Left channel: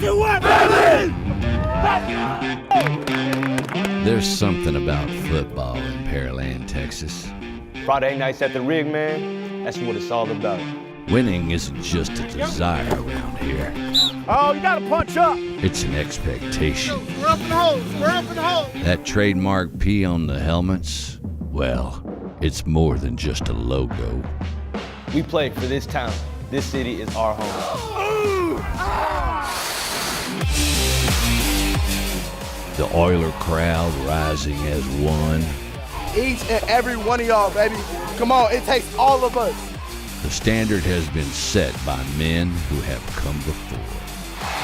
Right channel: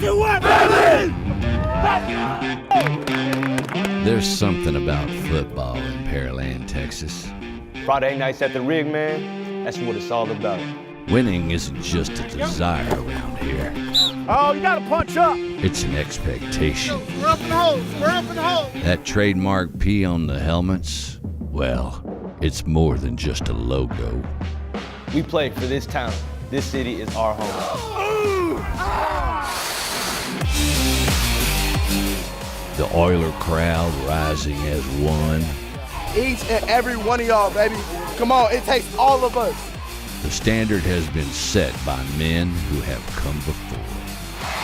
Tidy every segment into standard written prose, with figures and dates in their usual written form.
2, 1, Pearland! There's something about football in Pearland, Texas. Friday nights at the rig, man, that's what it's all about. Winning isn't just a desire around here. Oh, you gotta punch up. It's an expectation. We're up in the hole. We're up in the hole. That trademark P on the helmets, well, it's more than just a logo. We play for this town. This city is our home. The Oiler crowd rising as one. Each and every one of y'all, baby. Come on, it takes all of us. The standard has been set by men who have come before.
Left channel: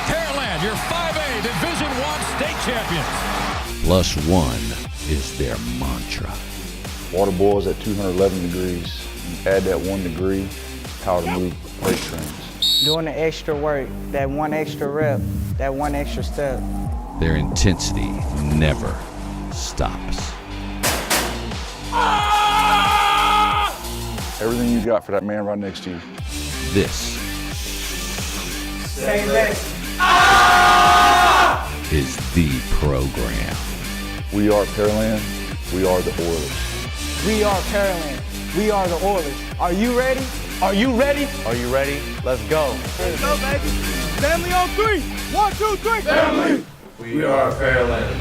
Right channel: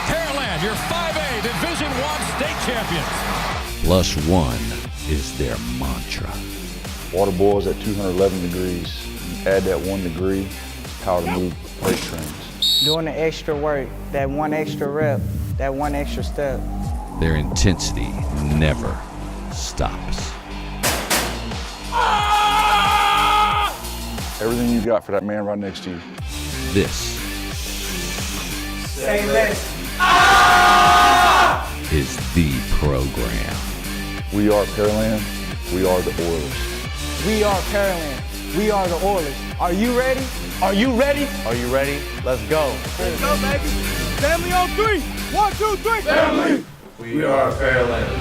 Pearland, your 5A Division I state champions. +1 is their mantra. Water boils at 211 degrees. You add that 1 degree, power to move freight trains. Doing the extra work, that one extra rep, that one extra step. Their intensity never stops. Everything you got for that man right next to you. This Say less. is the program. We are Pearland. We are the Oilers. We are Pearland. We are the Oilers. Are you ready? Are you ready? Are you ready? Let's go. Let's go, baby. Family on 3. 1, 2, 3. Family. We are Pearland.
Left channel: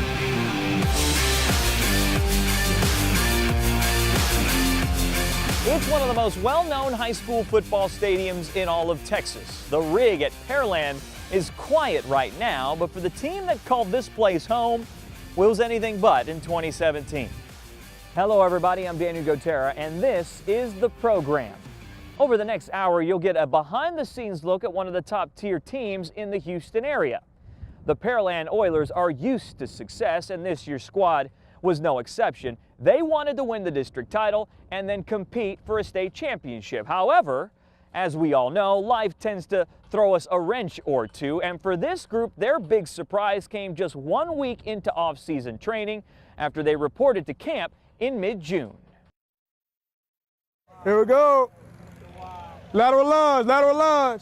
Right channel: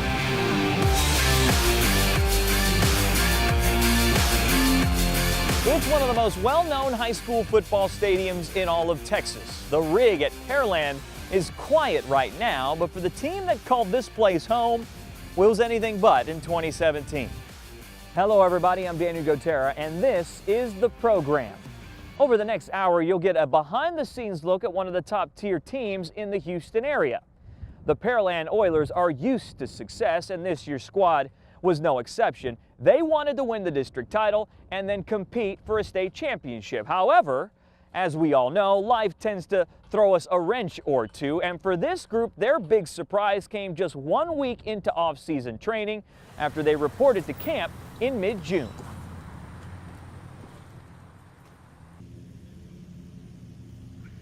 It's one of the most well-known high school football stadiums in all of Texas. The rig at Pearland is quiet right now, but for the team that called this place home, was anything but in 2017. Hello everybody, I'm Daniel Gotera, and this is the program. Over the next hour, you'll get a behind-the-scenes look at one of the top-tier teams in the Houston area. The Pearland Oilers are used to success, and this year's squad was no exception. They wanted to win the district title and then compete for a state championship. However, as we all know, life tends to throw us a wrench or two, and for this group, their big surprise came just 1 week into off-season training after they reported to camp in mid-June. Here we go. Lateral lunge, lateral lunge.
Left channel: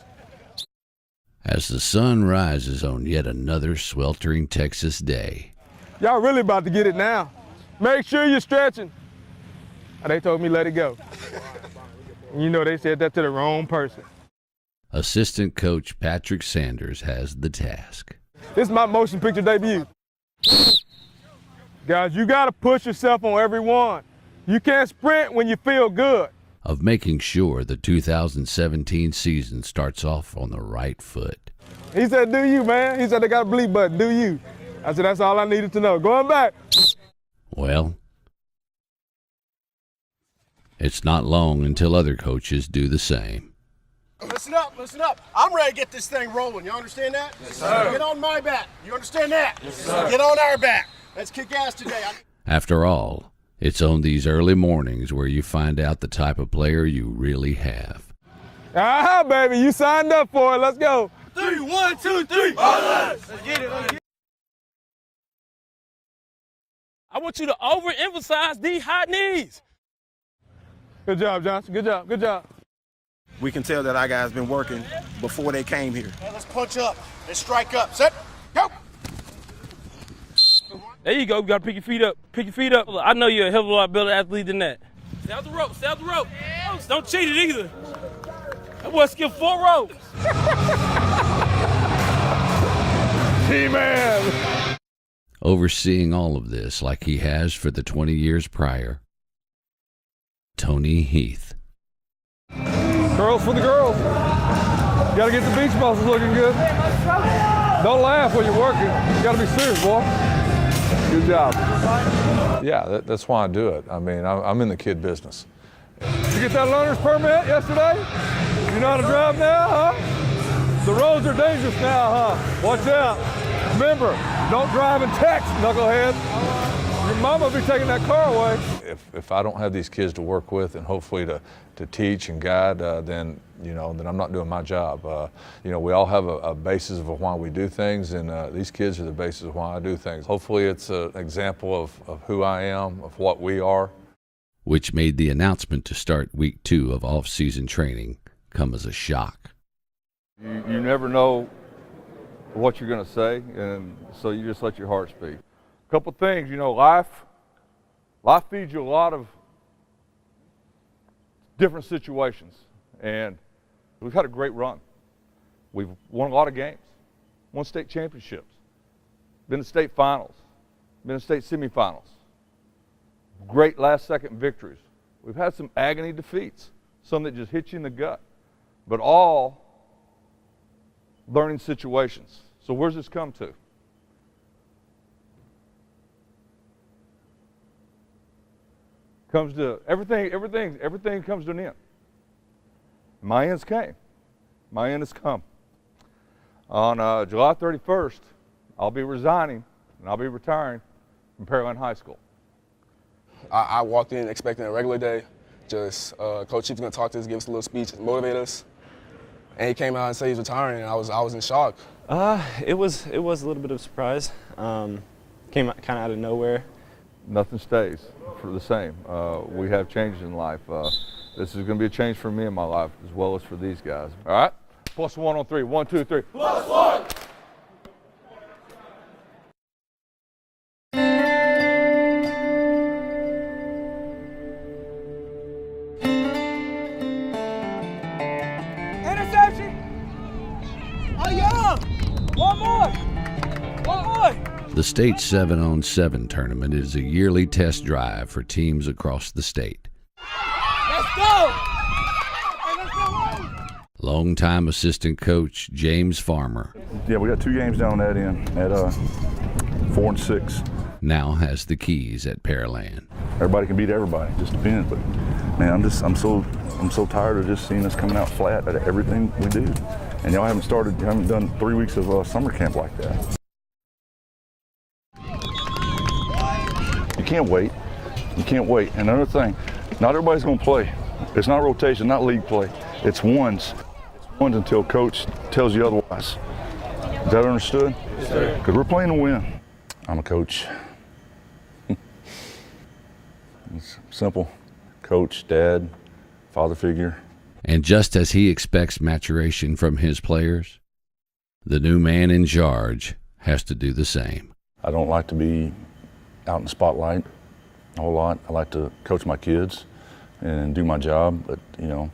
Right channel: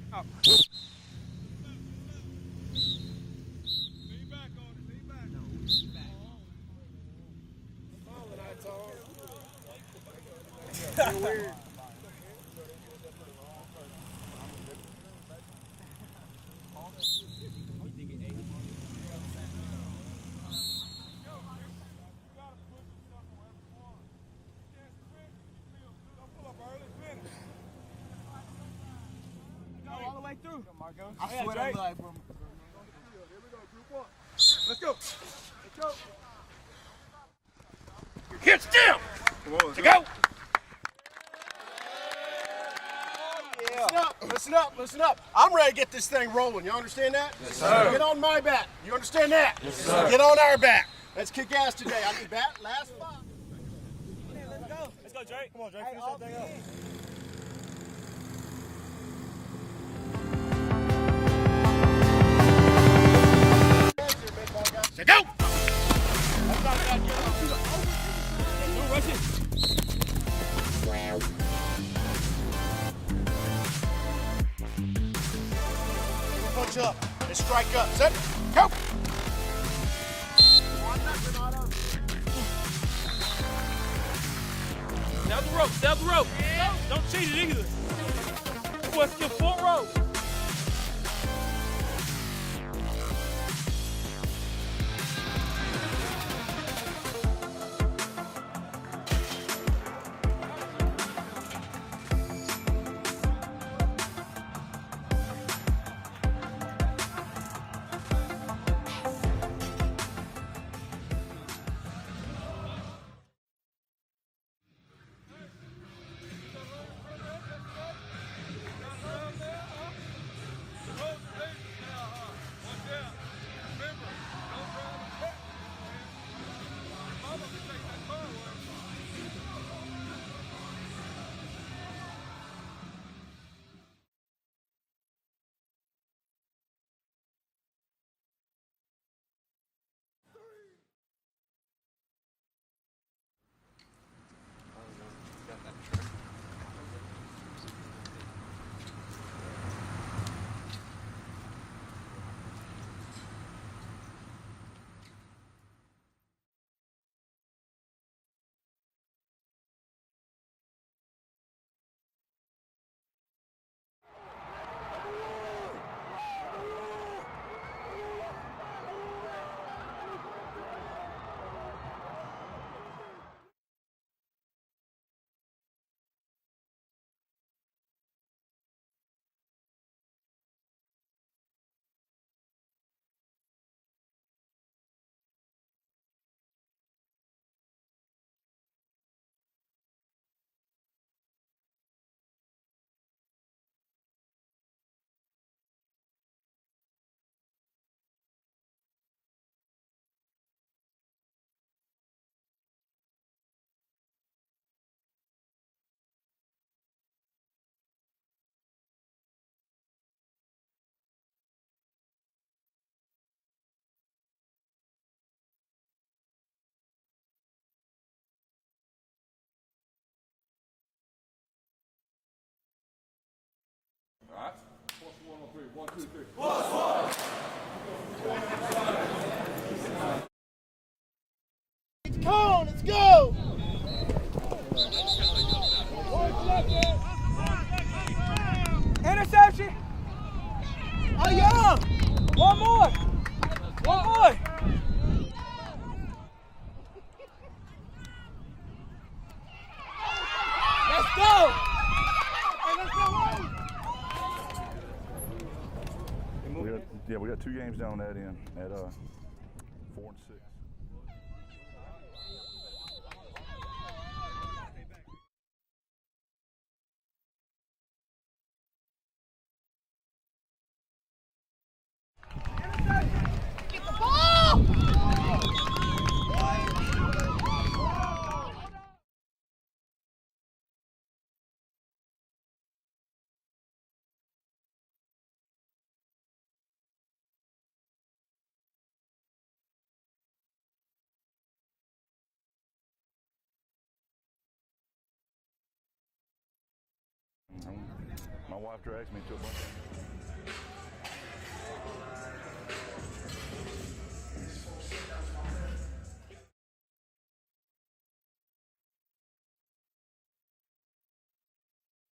As the sun rises on yet another sweltering Texas day. Y'all really about to get it now. Make sure you're stretching. They told me let it go. You know they said that to the wrong person. Assistant coach Patrick Sanders has the task. This is my motion picture debut. Guys, you gotta push yourself on every one. You can't sprint when you feel good. Of making sure the 2017 season starts off on the right foot. He said, do you, man? He said they got a bleep button, do you? I said, that's all I needed to know. Going back. Well, Get still. To go. it's not long until other coaches do the same. Listen up, listen up. I'm ready to get this thing rolling. You understand that? Yes, sir. Get on my back. You understand that? Yes, sir. Get on our back. Let's kick ass today. I need back. After all, it's on these early mornings where you find out the type of player you really have. Ah, baby, you signed up for it. Let's go. 3, 1, 2, 3, 4. Go. I want you to overemphasize these high knees. Good job, John. Good job, good job. We can tell that our guys been working before they came here. Let's punch up and strike up. Set. Go. There you go. You gotta pick your feet up. Pick your feet up. I know you're a hell of a lot better athlete than that. Stay out the rope. Stay out the rope. Don't cheat it either. That boy skipped 4 ropes. T-Man. Overseeing all of this like he has for the 20 years prior, Tony Heath. Girls for the girls. You gotta get the beach muscles looking good. Don't laugh when you're working. You gotta be serious, boy. Good job. Yeah, that's why I do it. I mean, I'm in the kid business. You get that learner's permit yesterday? You know how to drive now, huh? The roads are dangerous now, huh? Watch out. Remember, don't drive and text, knucklehead. Your mama will be taking that car away. If I don't have these kids to work with and hopefully to teach and guide, then I'm not doing my job. We all have a basis of why we do things, and these kids are the basis of why I do things. Hopefully it's an example of who I am, of what we are. Which made the announcement to start week 2 of off-season training come as a shock. You never know what you're going to say, and so you just let your heart speak. A couple things, you know, life feeds you a lot of different situations, and we've had a great run. We've won a lot of games, won state championship, been to state finals, been to state semifinals, great last-second victories. We've had some agony defeats, some that just hit you in the gut, but all learning situations. So where's this come to? Comes to everything comes to an end. My ends came. My end has come. On July 31st, I'll be resigning and I'll be retiring from Pearland High School. I walked in expecting a regular day. Just Coach Chief was gonna talk to us, give us a little speech, motivate us. And he came out and said he's retiring, and I was in shock. It was a little bit of a surprise. Came kind of out of nowhere. Nothing stays for the same. We have changes in life. This is going to be a change for me in my life as well as for these guys. All right? +1 on 3. 1, 2, 3. +1! Interception! Oh, yeah! One more! One more! The state 7-on-7 tournament is a yearly test drive for teams across the state. Let's go! Hey, let's go! Longtime assistant coach James Farmer. Yeah, we got 2 games down that end at 4 and 6. Now has the keys at Pearland. Everybody can beat everybody, just depends. But man, I'm so tired of just seeing us coming out flat at everything we do. And y'all haven't done 3 weeks of summer camp like that. You can't wait. You can't wait. And another thing, not everybody's going to play. It's not rotation, not league play. It's ones. It's ones until coach tells you otherwise. Is that understood? Yes, sir. Because we're playing to win. I'm a coach. It's simple. Coach, dad, father figure. And just as he expects maturation from his players, the new man in charge has to do the same. I don't like to be out in the spotlight a whole lot. I like to coach my kids and do my job, but you know,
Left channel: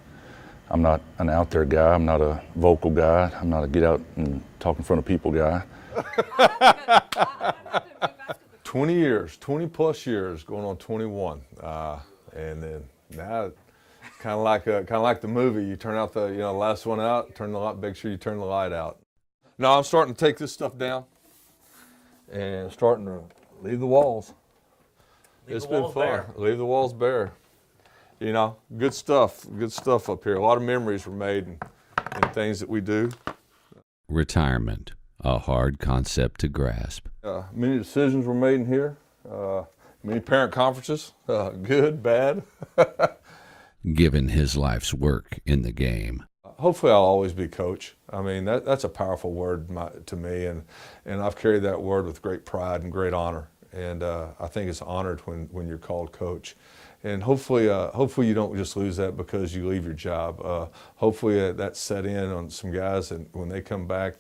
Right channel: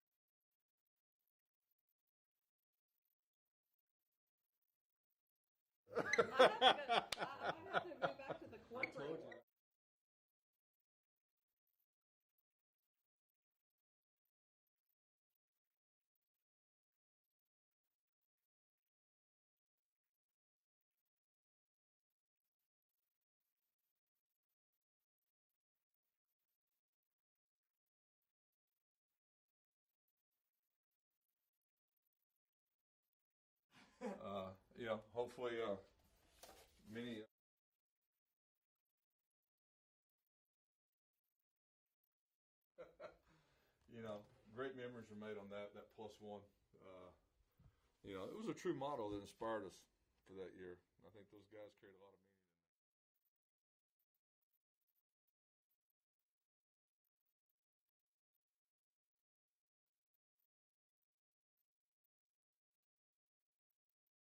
I'm not an out there guy. I'm not a vocal guy. I'm not a get out and talk in front of people guy. 20 years, 20 plus years, going on 21, and then now, kind of like the movie. You turn out the last one out, turn the light. Make sure you turn the light out. Now I'm starting to take this stuff down, and starting to leave the walls. It's been fun. Leave the walls bare. You know, good stuff up here. A lot of memories were made and things that we do. Retirement, a hard concept to grasp. Many decisions were made in here. Many parent conferences, good, bad. Given his life's work in the game. Hopefully I'll always be coach. I mean, that's a powerful word to me, and I've carried that word with great pride and great honor. And I think it's honored when you're called coach. And hopefully you don't just lose that because you leave your job. Hopefully that's set in on some guys, and when they come back,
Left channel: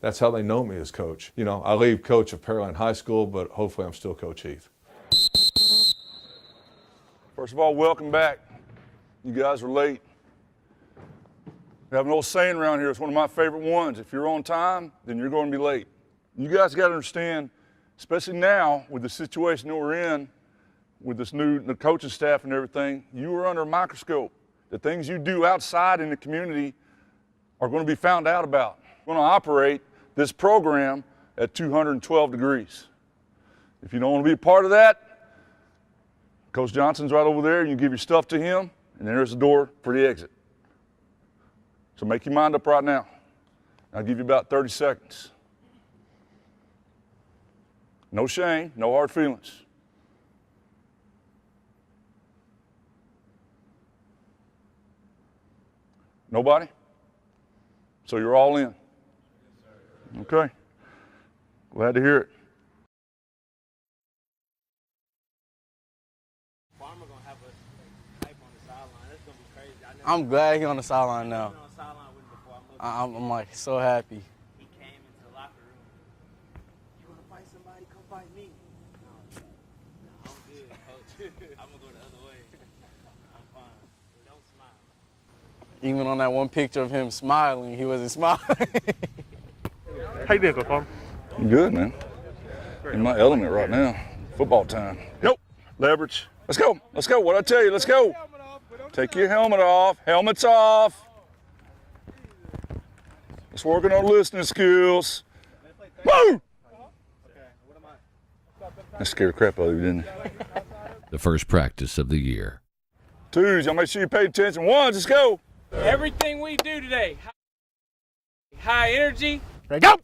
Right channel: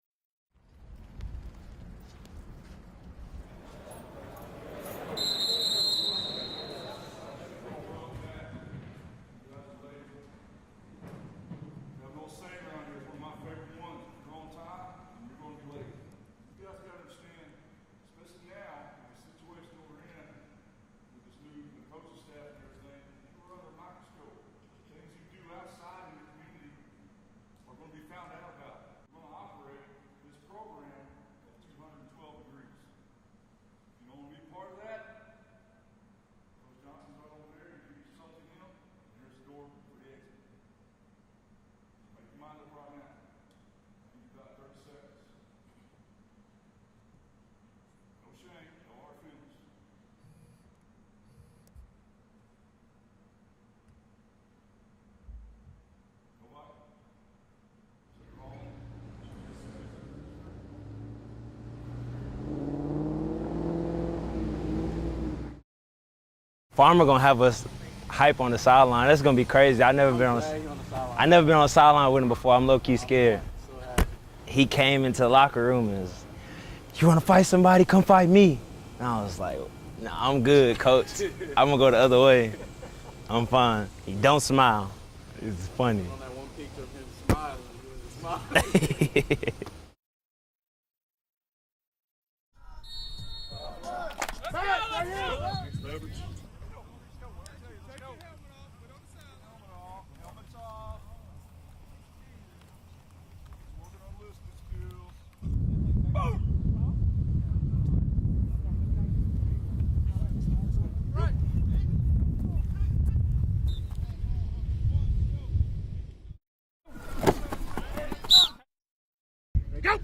that's how they know me as coach. You know, I leave coach of Pearland High School, but hopefully I'm still Coach Heath. First of all, welcome back. You guys are late. We have an old saying around here. It's one of my favorite ones. If you're on time, then you're going to be late. You guys got to understand, especially now with the situation that we're in, with the coaching staff and everything, you are under a microscope. The things you do outside in the community are going to be found out about. We're going to operate this program at 212 degrees. If you don't want to be a part of that, Coach Johnson's right over there, and you give your stuff to him, and there's the door for the exit. So make your mind up right now. I'll give you about 30 seconds. No shame, no hard feelings. Nobody? So you're all in? Okay. Glad to hear it. Farmer gonna have us hype on the sideline. That's gonna be crazy. I'm glad he's on the sideline. I never been on the sideline with him before. I'm low-key scared. Like, so happy. he came into the locker room and was, "You want to fight somebody? Come fight me." And I was like, "Nah, I'm good, coach. I'm gonna go the other way. I'm fine." He don't smile. It's funny. He went on that one picture of him smiling. He wasn't smiling. How you doing, Coach Palmer? I'm good, man. In my element right now. Football time. Nope. Leverage. Let's go. Let's go. What'd I tell you? Let's go. Take your helmet off. Helmets off. Let's work on our listening skills. Woo! That scared the crap out of you, didn't it? The first practice of the year. Twos, y'all make sure you pay attention. Ones, let's go. Everything we do today, high energy, Ready, go!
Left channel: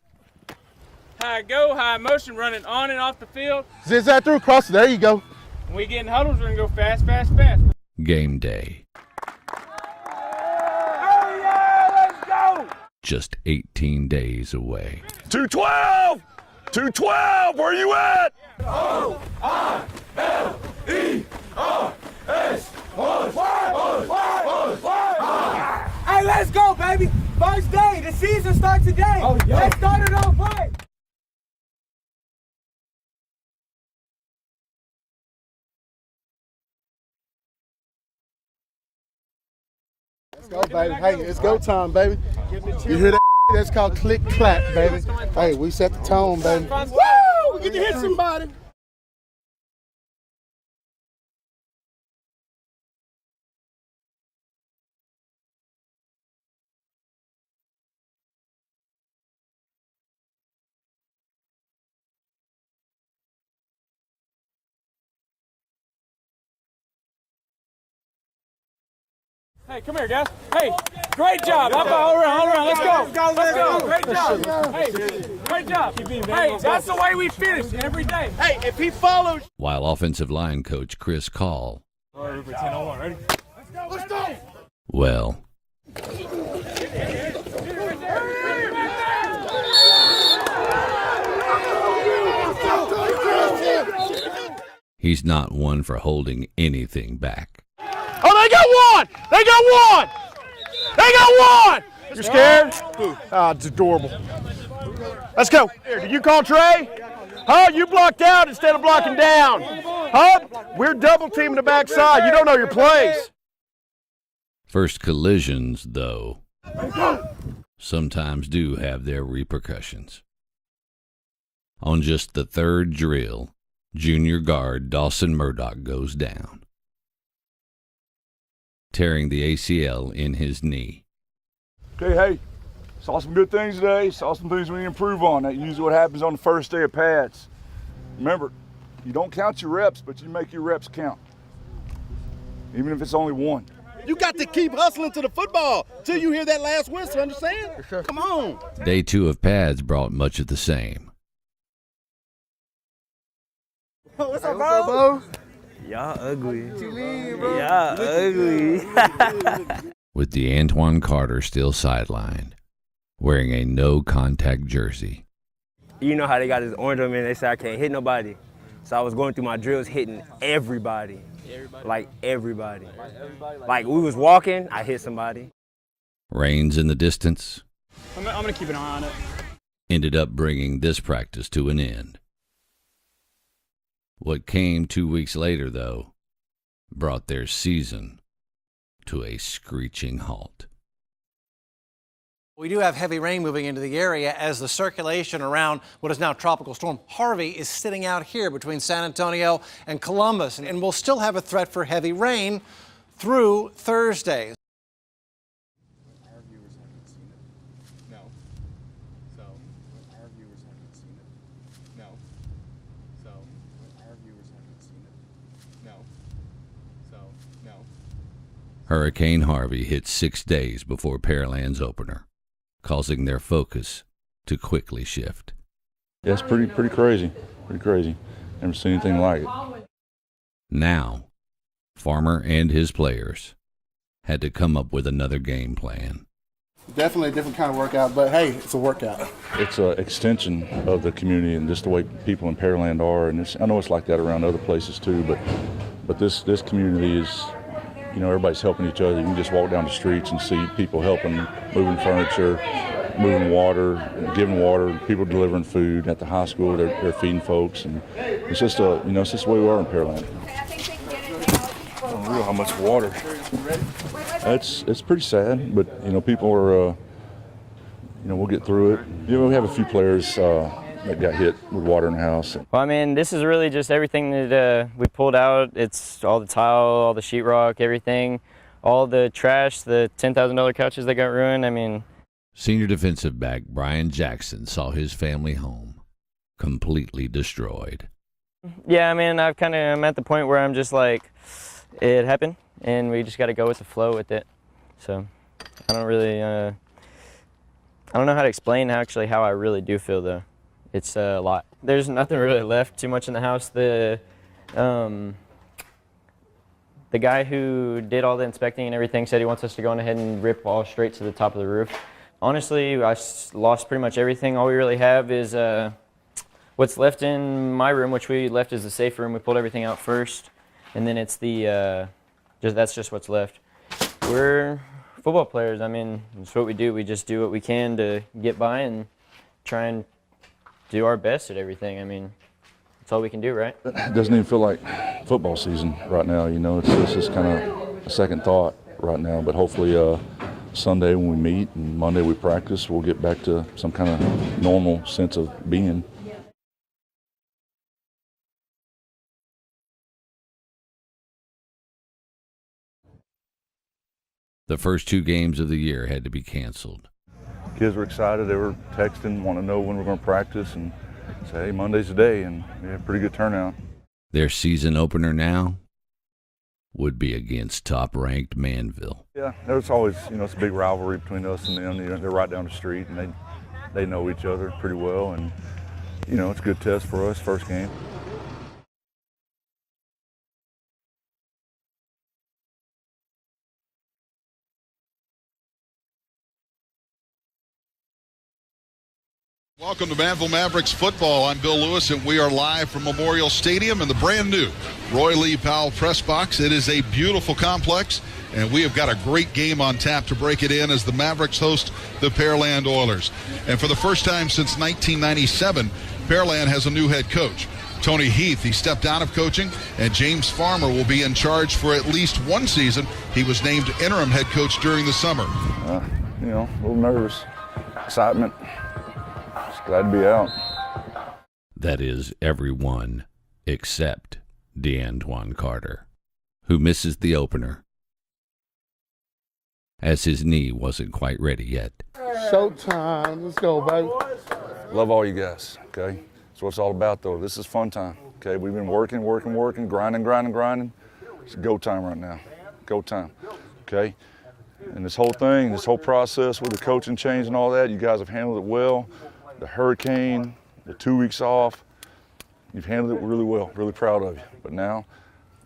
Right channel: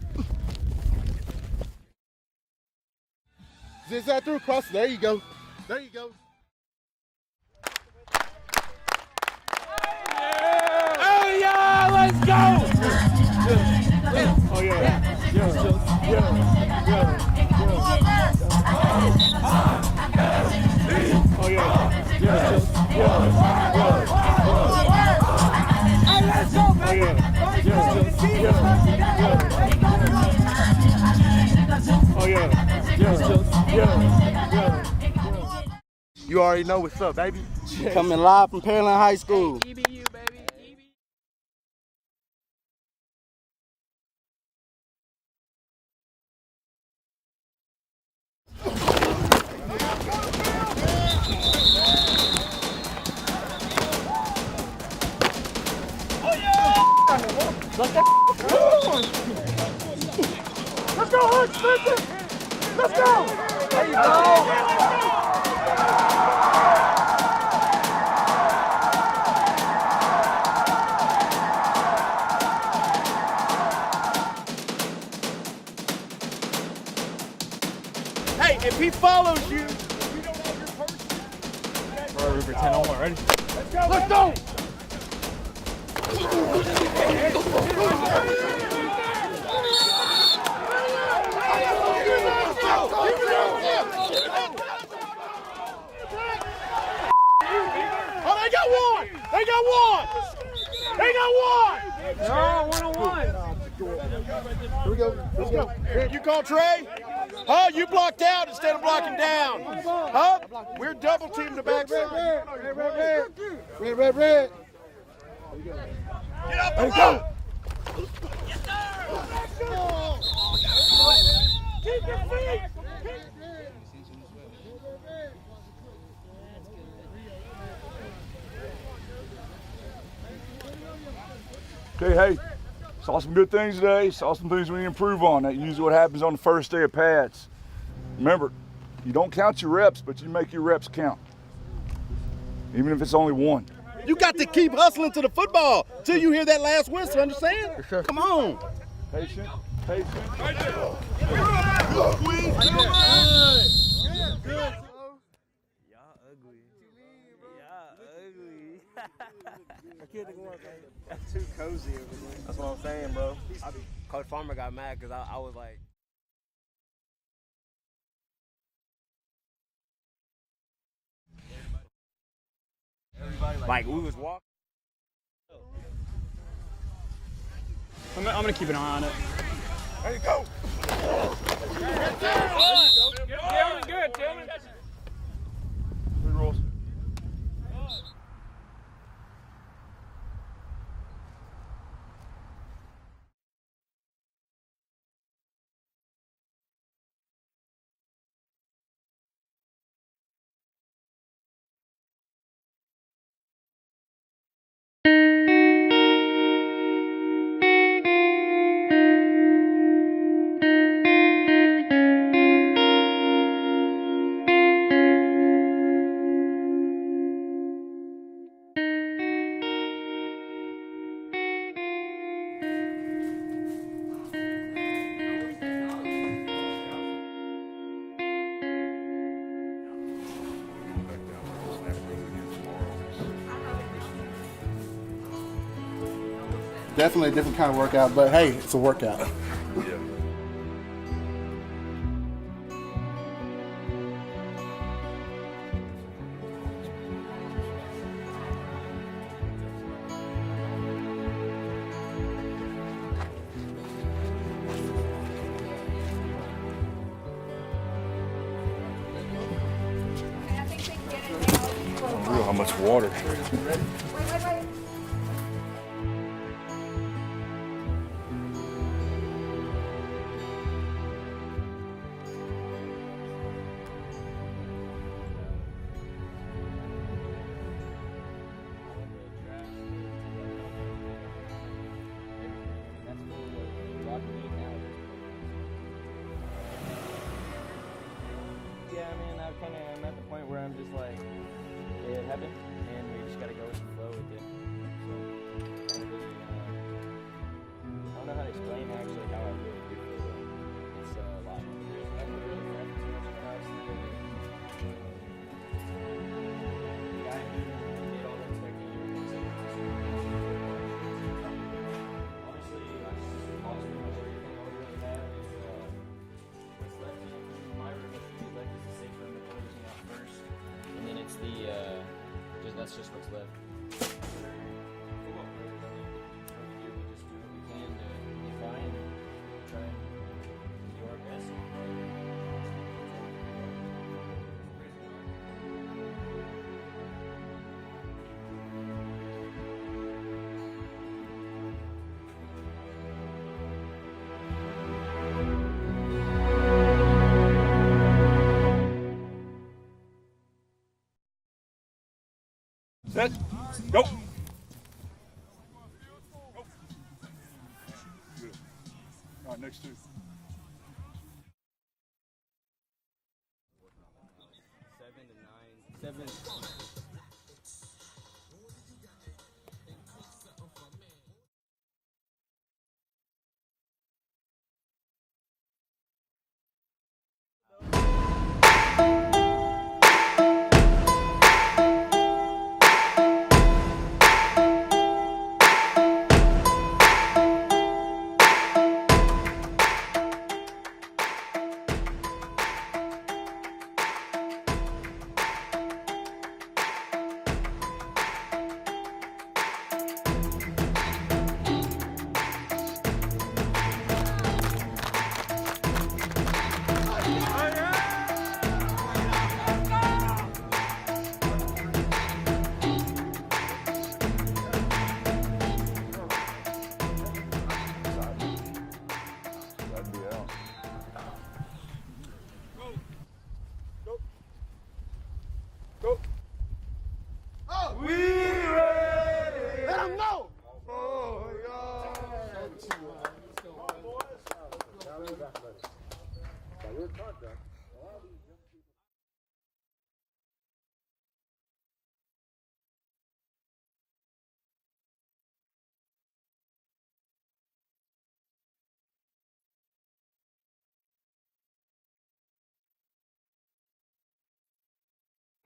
high go, high motion, running on and off the field. Zigzag through, cross it. There you go. When we get in huddles, we're gonna go fast, fast, fast. Game day. Hey, y'all, let's go! Just 18 days away. 212! 212, where you at? Hey, let's go, baby. First day. The season starts today. Let's start it on first. Oh, yeah. You already know what's up, baby. Coming live from Pearland High School. Let's go, baby. Hey, it's go time, baby. You hear that? That's called click clap, baby. Hey, we set the tone, baby. Woo! We get to hit somebody. Let's go, Hutch, listen. Let's go. There you go. Great job. Hold around. Let's go. Great job. Hey, that's the way we finish every day. Hey, if he follows you. While offensive line coach Chris Call, Let's go. well, he's not one for holding anything back. Oh, they got one! They got one! They got one! You scared? Ah, it's adorable. Let's go. You call Trey? Huh? You blocked out instead of blocking down. Huh? We're double teaming the backside. You don't know your plays. Red. First collisions, though, sometimes do have their repercussions. On just the third drill, junior guard Dawson Murdoch goes down, tearing the ACL in his knee. Okay, hey, saw some good things today. Saw some things we need to improve on. That's usually what happens on the first day of pads. Remember, you don't count your reps, but you make your reps count. Even if it's only one. You got to keep hustling to the football till you hear that last whistle, understand? Sure. Come on. Day 2 of pads brought much of the same. What's up, Bo? Y'all ugly. What you mean, bro? Y'all ugly. With the Antoine Carter still sidelined, wearing a no-contact jersey. You know how they got this orange on me and they say I can't hit nobody. So I was going through my drills hitting everybody. Like everybody. Like we was walking, I hit somebody. Rains in the distance. I'm going to keep an eye on it. Ended up bringing this practice to an end. What came 2 weeks later, though, brought their season to a screeching halt. We do have heavy rain moving into the area as the circulation around what is now Tropical Storm Harvey is sitting out here between San Antonio and Columbus, and we'll still have a threat for heavy rain through Thursday. Hurricane Harvey hit 6 days before Pearland's opener, causing their focus to quickly shift. That's pretty crazy. Pretty crazy. Never seen anything like it. Now, Farmer and his players had to come up with another game plan. Definitely a different kind of workout, but hey, it's a workout. It's an extension of the community and just the way people in Pearland are. And I know it's like that around other places too, but this community is, you know, everybody's helping each other. You can just walk down the streets and see people helping, moving furniture, moving water, giving water, people delivering food at the high school. They're feeding folks, and it's just it's just the way we are in Pearland. Unreal how much water. It's pretty sad, but people are we'll get through it. We have a few players that got hit with water in the house. Well, I mean, this is really just everything that we pulled out. It's all the tile, all the sheetrock, everything, all the trash, the $10,000 couches that got ruined. I mean, Senior defensive back Brian Jackson saw his family home completely destroyed. yeah, I mean, I'm at the point where I'm just like, it happened, and we just got to go with the flow with it. So I don't really, I don't know how to explain actually how I really do feel though. It's a lot. There's nothing really left too much in the house. The guy who did all the inspecting and everything said he wants us to go on ahead and rip all straight to the top of the roof. Honestly, I lost pretty much everything. All we really have is what's left in my room, which we left as the safe room. We pulled everything out first, and then it's the that's just what's left. We're football players. I mean, it's what we do. We just do what we can to get by and try and do our best at everything. I mean, that's all we can do, right? It doesn't even feel like football season right now. It's just kind of a second thought right now. But hopefully Sunday when we meet and Monday we practice, we'll get back to some kind of normal sense of being. Set, go. The first 2 games of the year had to be canceled. Kids were excited. They were texting, wanting to know when we're going to practice, and say, hey, Monday's the day, and we had a pretty good turnout. Their season opener now would be against top-ranked Manville. Yeah, there's always, it's a big rivalry between us and them. They're right down the street, and they know each other pretty well, and it's a good test for us, first game. Welcome to Manville Mavericks football. I'm Bill Lewis, and we are live from Memorial Stadium in the brand new Roy Lee Powell press box. It is a beautiful complex, and we have got a great game on tap to break it in as the Mavericks host the Pearland Oilers. And for the first time since 1997, Pearland has a new head coach. Tony Heath, he stepped out of coaching, and James Farmer will be in charge for at least one season. He was named interim head coach during the summer. A little nervous, excitement. Glad to be out. That is everyone except DeAntoine Carter, who misses the opener as his knee wasn't quite ready yet. Showtime. Let's go, baby. Love all you guys, okay? That's what it's all about, though. This is fun time, okay? We've been working, grinding. It's go time right now. Go time, okay? And this whole thing, this whole process with the coaching change and all that, you guys have handled it well. The hurricane, the 2 weeks off, you've handled it really well. Really proud of you. But now,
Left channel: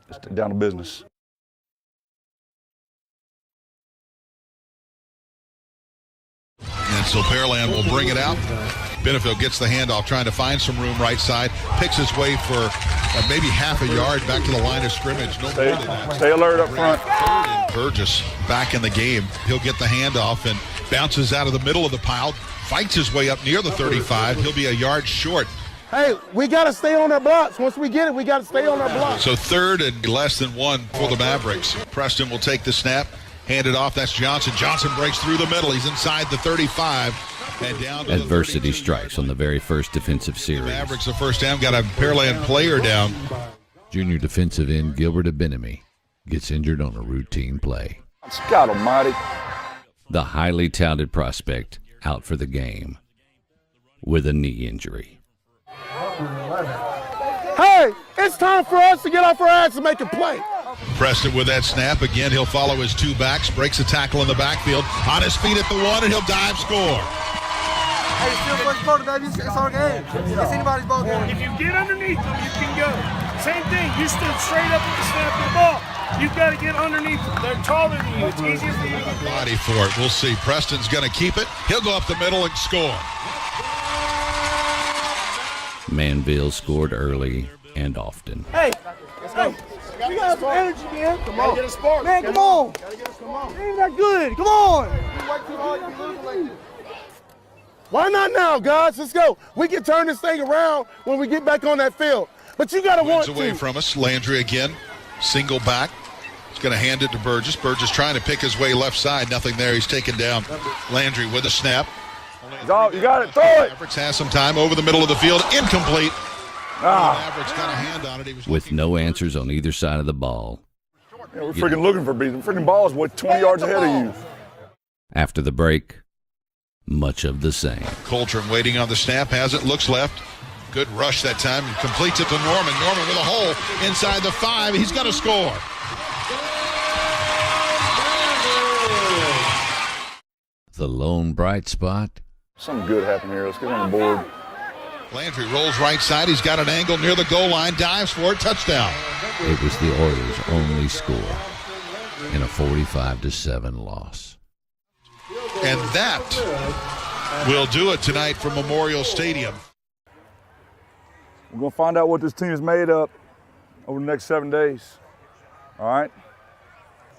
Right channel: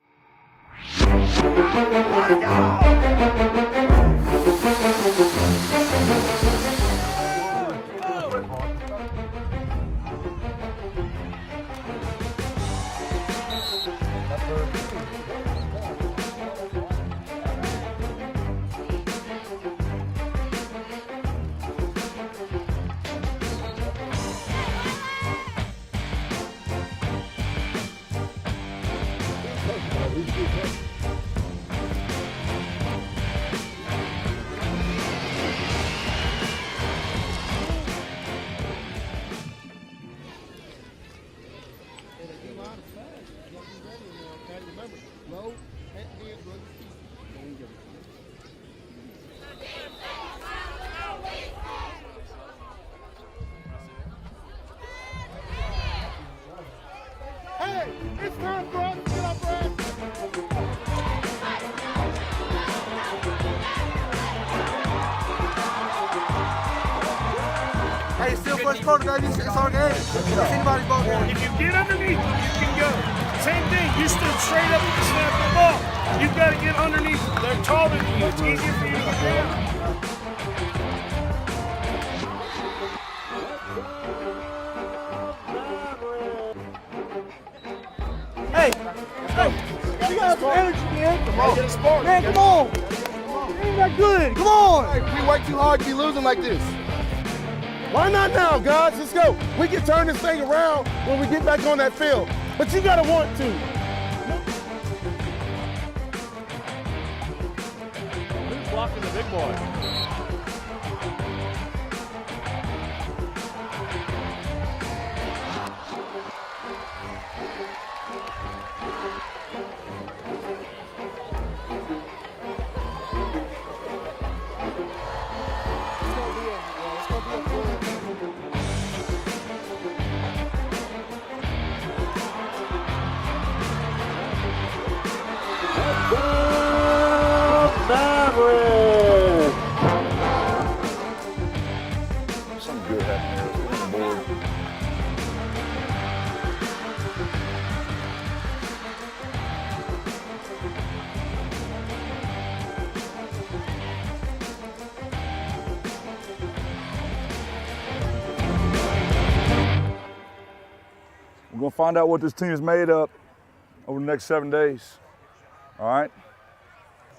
just down to business. And so Pearland will bring it out. Benefield gets the handoff, trying to find some room right side, picks his way for maybe half a yard back to the line of scrimmage. Stay alert up front. Burgess back in the game. He'll get the handoff and bounces out of the middle of the pile, fights his way up near the 35. He'll be a yard short. Hey, we got to stay on our blocks. Once we get it, we got to stay on our blocks. So 3rd and less than 1 for the Mavericks. Preston will take the snap, hand it off. That's Johnson. Johnson breaks through the middle. He's inside the 35. And down to Adversity strikes on the very first defensive series. Mavericks the first down, got a Pearland player down. Junior defensive end Gilbert Abenemy gets injured on a routine play. God almighty. The highly touted prospect out for the game with a knee injury. Hey, it's time for us to get off our ass and make a play. Preston with that snap. Again, he'll follow his 2 backs, breaks a tackle in the backfield, on his feet at the 1, and he'll dive score. Hey, still first quarter, baby. It's our game. It's anybody's ball game. If you get underneath them, you can go. Same thing. You stood straight up with the snap of the ball. You've got to get underneath them. They're taller than you. It's easier for you to get ready for it. We'll see. Preston's going to keep it. He'll go up the middle and score. Manville scored early and often. Hey, you got some energy, man. Come on. Get a spark. Man, come on. Ain't that good. Come on. We work too hard to be losing like this. Why not now, guys? Let's go. We can turn this thing around when we get back on that field. But you got to want away to. from us. Landry again, single back. He's going to hand it to Burgess. Burgess trying to pick his way left side. Nothing there. He's taken down. Landry with a snap. Dog, you got it. Throw it. Mavericks has some time over the middle of the field. Incomplete. Mavericks got a hand on it. With no answers on either side of the ball. Yeah, we're freaking looking for beats. The freaking ball's 20 yards ahead of you. After the break, much of the same. Coltrane waiting on the snap. Has it. Looks left. Good rush that time. Completes it to Norman. Norman with a hole inside the 5. He's got to score. The lone bright spot. Something good happened here. Let's get on the board. Landry rolls right side. He's got an angle near the goal line. Dives for it. Touchdown. It was the Oilers' only score in a 45-7 loss. And that will do it tonight from Memorial Stadium. We're going to find out what this team is made up over the next 7 days. All right?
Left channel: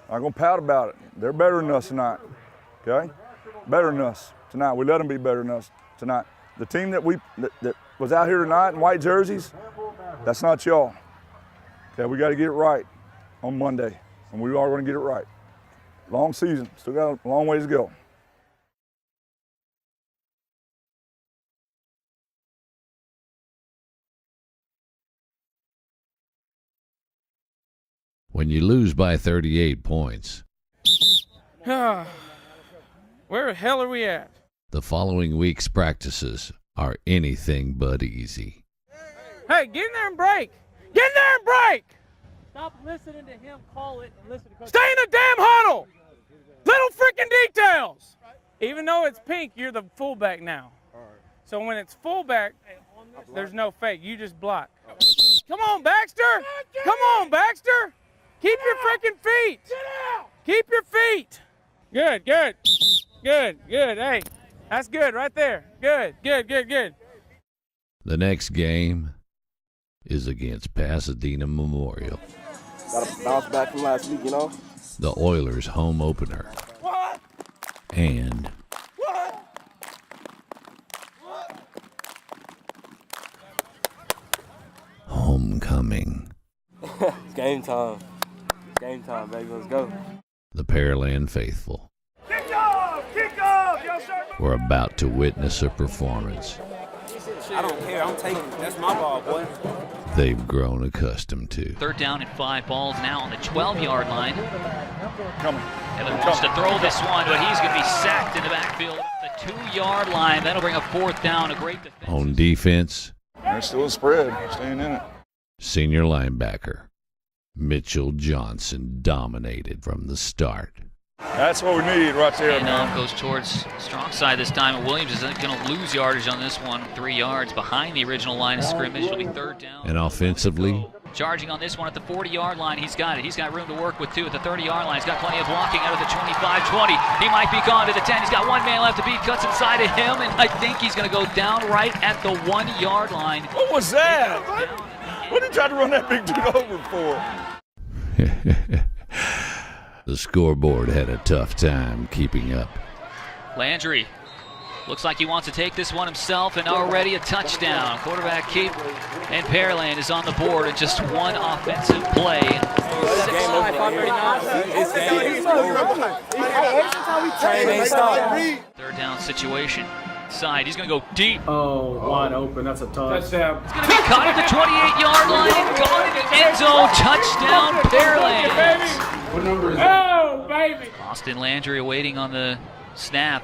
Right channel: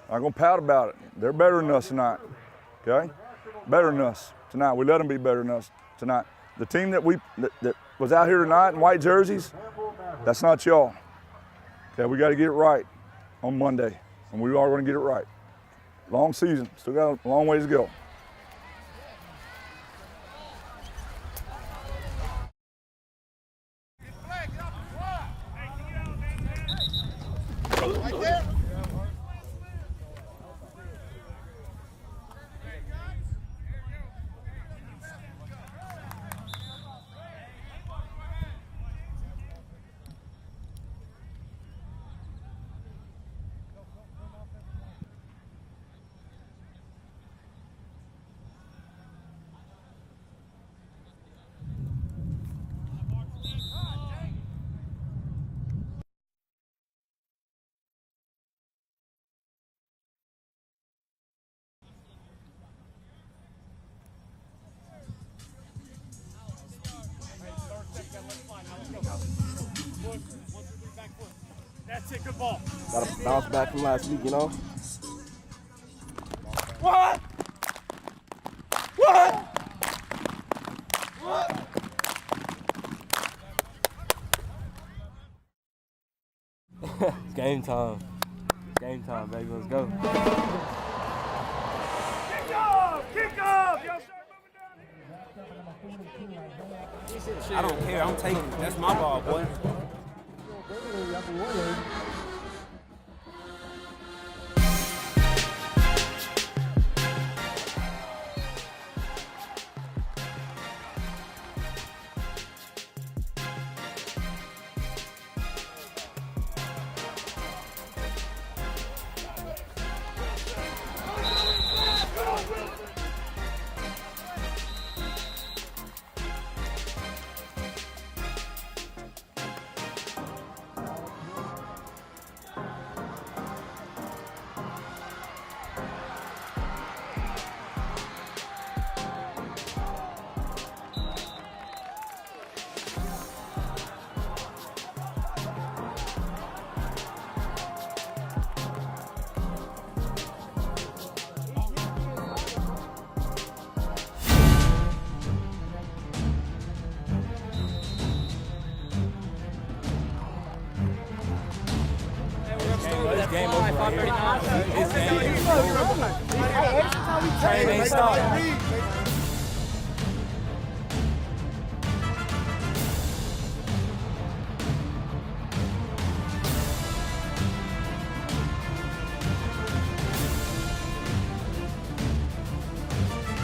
I'm not going to pout about it. They're better than us tonight. Okay? Better than us tonight. We let them be better than us tonight. The team that was out here tonight in white jerseys, that's not y'all. Okay, we got to get it right on Monday, and we are going to get it right. Long season, still got a long ways to go. When you lose by 38 points, Where the hell are we at? the following week's practices are anything but easy. Hey, get in there and break. Get in there and break. Stop listening to him call it and listen to Coach. Stay in the damn huddle. Little freaking details. Even though it's pink, you're the fullback now. So when it's fullback, there's no fake. You just block. Come on, Baxter. Come on, Baxter. Keep your freaking feet. Keep your feet. Good, good. Good, good. Hey, that's good right there. Good, good, good, good. The next game is against Pasadena Memorial. Got to bounce back from last week, you know? The Oilers' home opener. What? And What? homecoming. It's game time. Game time, baby. Let's go. The Pearland faithful Kick off! Kick off! Yo, sir. were about to witness a performance I don't care. I'm taking it. That's my ball, boy. they've grown accustomed to. 3rd down and 5 balls now on the 12-yard line. To throw this one, but he's going to be sacked in the backfield. The 2-yard line. That'll bring a 4th down. A great defense. On defense, They're still a spread, staying in it. senior linebacker Mitchell Johnson dominated from the start. That's what we need right there, And man. goes towards strong side this time. And Williams is going to lose yardage on this one. 3 yards behind the original line of scrimmage. It'll be 3rd down. And offensively, Charging on this one at the 40-yard line. He's got it. He's got room to work with, too, at the 30-yard line. He's got plenty of blocking out of the 25-20. He might be gone to the 10. He's got one man left to beat. Cuts inside of him, and I think he's going to go down right at the 1-yard line. What was that? What did he try to run that big dude over for? the scoreboard had a tough time keeping up. Landry looks like he wants to take this one himself, and already a touchdown. Quarterback keep, and Pearland is on the board in just one offensive play. Third down situation. Side. He's going to go deep. Oh, wide open. That's a touchdown. Caught at the 28-yard line and gone into the end zone. Touchdown, Pearland. Oh, baby. Austin Landry waiting on the snap.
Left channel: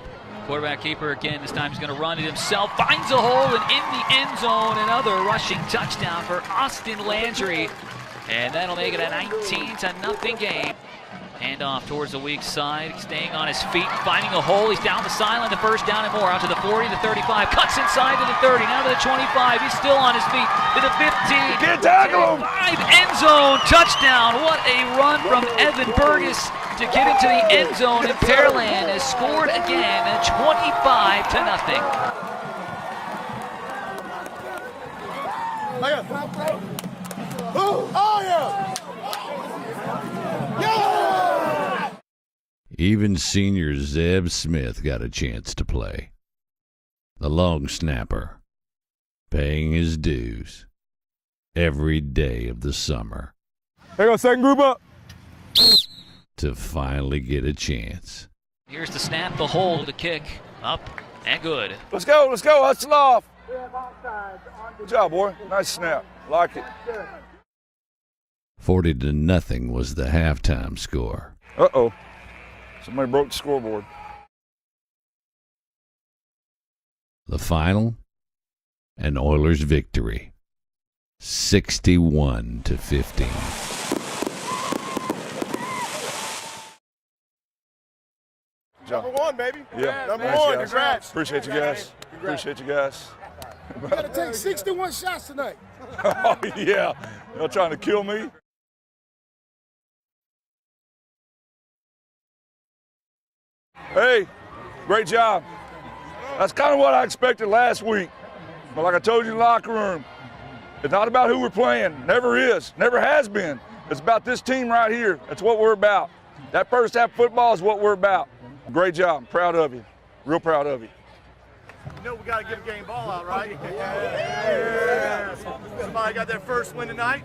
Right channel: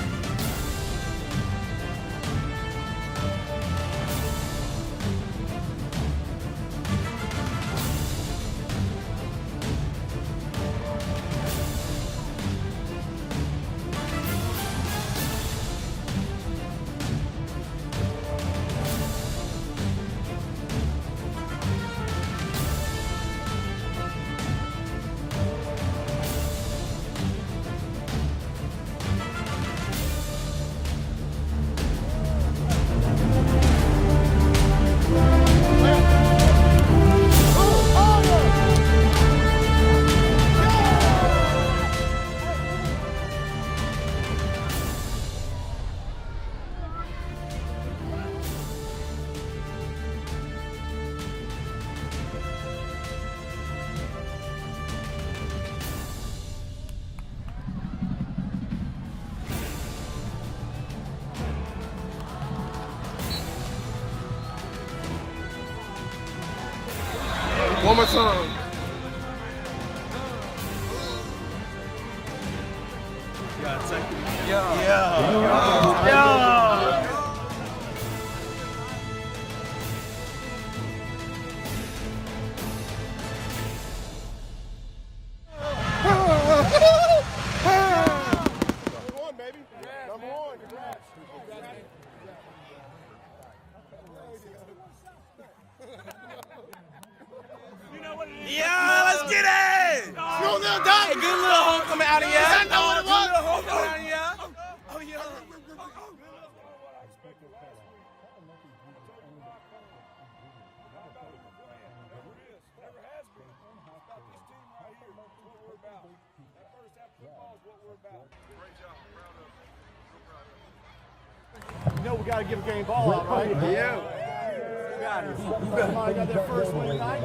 Quarterback keeper again. This time he's going to run it himself. Finds a hole and in the end zone. Another rushing touchdown for Austin Landry. And that'll make it a 19-0 game. Hand off towards the weak side. He's staying on his feet, finding a hole. He's down the sideline, the 1st down and more. Out to the 40, the 35. Cuts inside to the 30, now to the 25. He's still on his feet to the 15. Can't tackle him. 5, end zone, touchdown. What a run from Evan Burgess to get into the end zone. And Pearland has scored again at 25-0. Even senior Zeb Smith got a chance to play. the long snapper, paying his dues every day of the summer. Hang on, second group up. To finally get a chance. Here's the snap, the hold, the kick, up and good. Let's go, hustle off. Good job, boy. Nice snap. Like it. One more time. 40-0 was the halftime score. Uh-oh. Somebody broke the scoreboard. The final, an Oilers victory, 61-15. Number one, baby. Yeah. Number Thanks, one. guys. Congrats. Appreciate you guys. Appreciate you guys. We got to take 61 shots tonight. Oh, yeah. Y'all trying to kill me? Yeah, let's get it! Good little homecoming out of here. Hey, great job. That's kind of what I expected last week. But like I told you in the locker room, it's not about who we're playing. Never is. Never has been. It's about this team right here. That's what we're about. That first half football is what we're about. Great job. Proud of you. Real proud of you. You know we got to get a game ball out, right? Yeah. Finally got their first win tonight.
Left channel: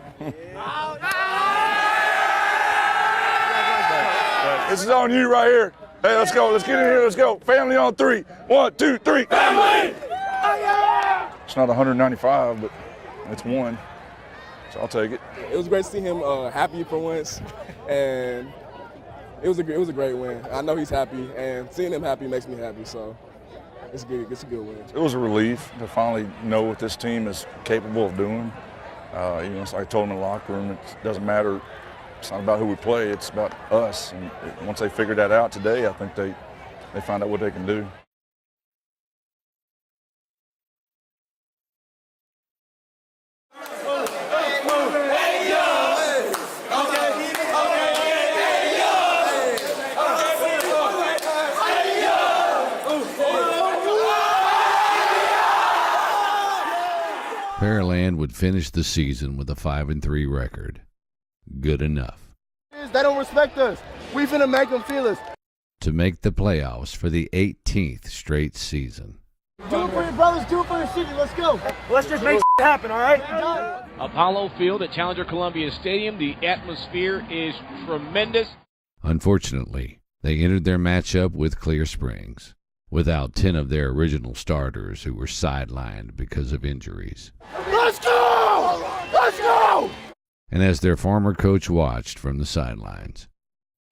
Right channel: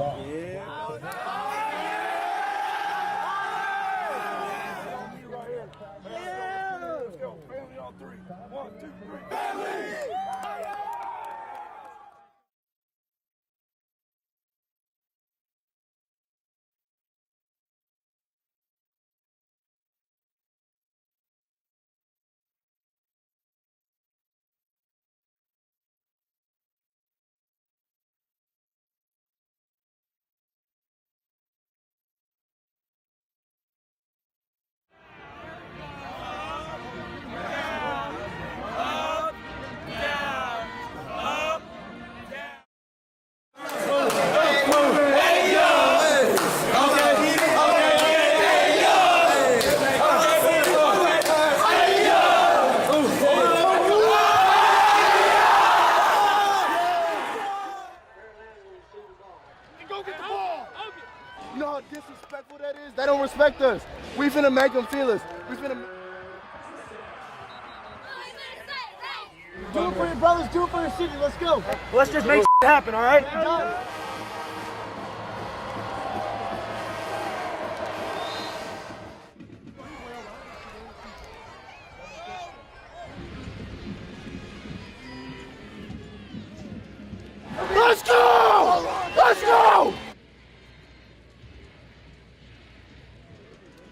This is on you right here. Hey, let's go. Let's get in here. Let's go. Family on three. 1, 2, 3. Family! It's not 195, but it's one. So I'll take it. It was great to see him happy for once, and it was a great win. I know he's happy, and seeing him happy makes me happy. So it's good. It's a good win. It was a relief to finally know what this team is capable of doing. It's like I told them in the locker room, it doesn't matter. It's not about who we play. It's about us. And once they figured that out today, I think they find out what they can do. Pearland would finish the season with a 5-3 record. Good enough They don't respect us. We finna make them feel us. to make the playoffs for the 18th straight season. Do it for your brothers, do it for the city. Let's go. Let's just make it happen, all right? Apollo Field at Challenger Columbia Stadium. The atmosphere is tremendous. Unfortunately, they entered their matchup with Clear Springs without 10 of their original starters who were sidelined because of injuries. Let's go! Let's go! And as their former coach watched from the sidelines,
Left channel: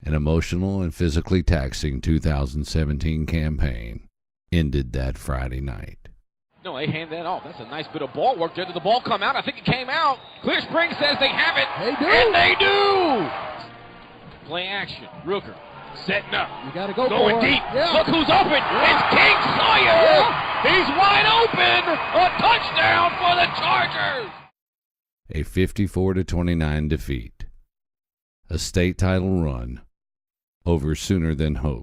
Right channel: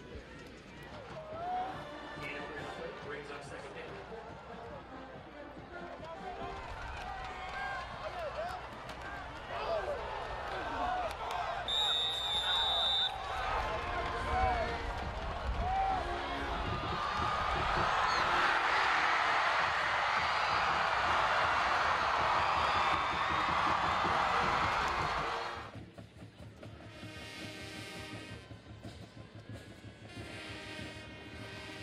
an emotional and physically taxing 2017 campaign ended that Friday night. No, they hand that off. That's a nice bit of ball work there. Did the ball come out? I think it came out. Clear Springs says they have it. They do. And they do. Play action. Rooker setting up. You got to go going deep. Yeah. Look who's open. It's King Sawyer. Yeah. He's wide open. A touchdown for the Chargers. A 54-29 defeat. A state title run over sooner than hoped.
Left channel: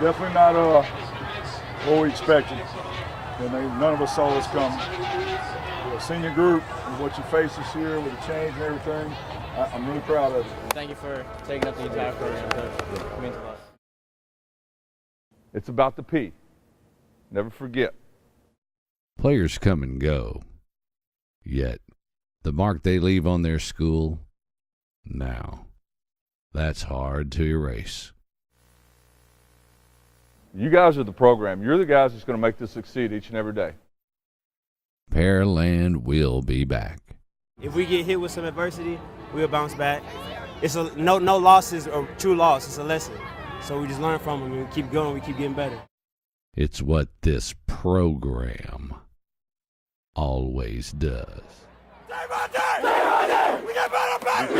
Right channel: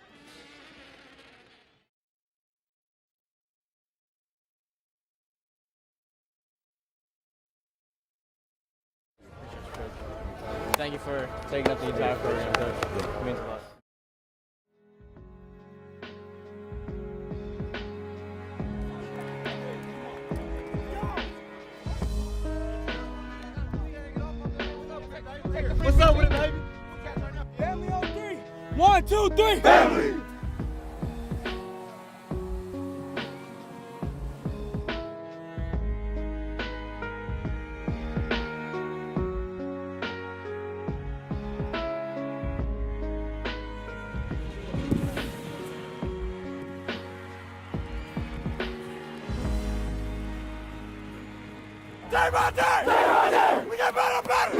Definitely not what we expected. None of us saw this coming. The senior group and what you face this year with the change and everything, I'm really proud of you. Thank you for taking up the time for us. It's about the P. Never forget. Players come and go. Yet, the mark they leave on their school, now, that's hard to erase. 1, 2, 3. Family. You guys are the program. You're the guys that's going to make this succeed each and every day. Pearland will be back. If we get hit with some adversity, we'll bounce back. It's no losses or true loss. It's a lesson. So we just learn from them and keep going. We keep getting better. It's what this program always does. Day by day, we get better back.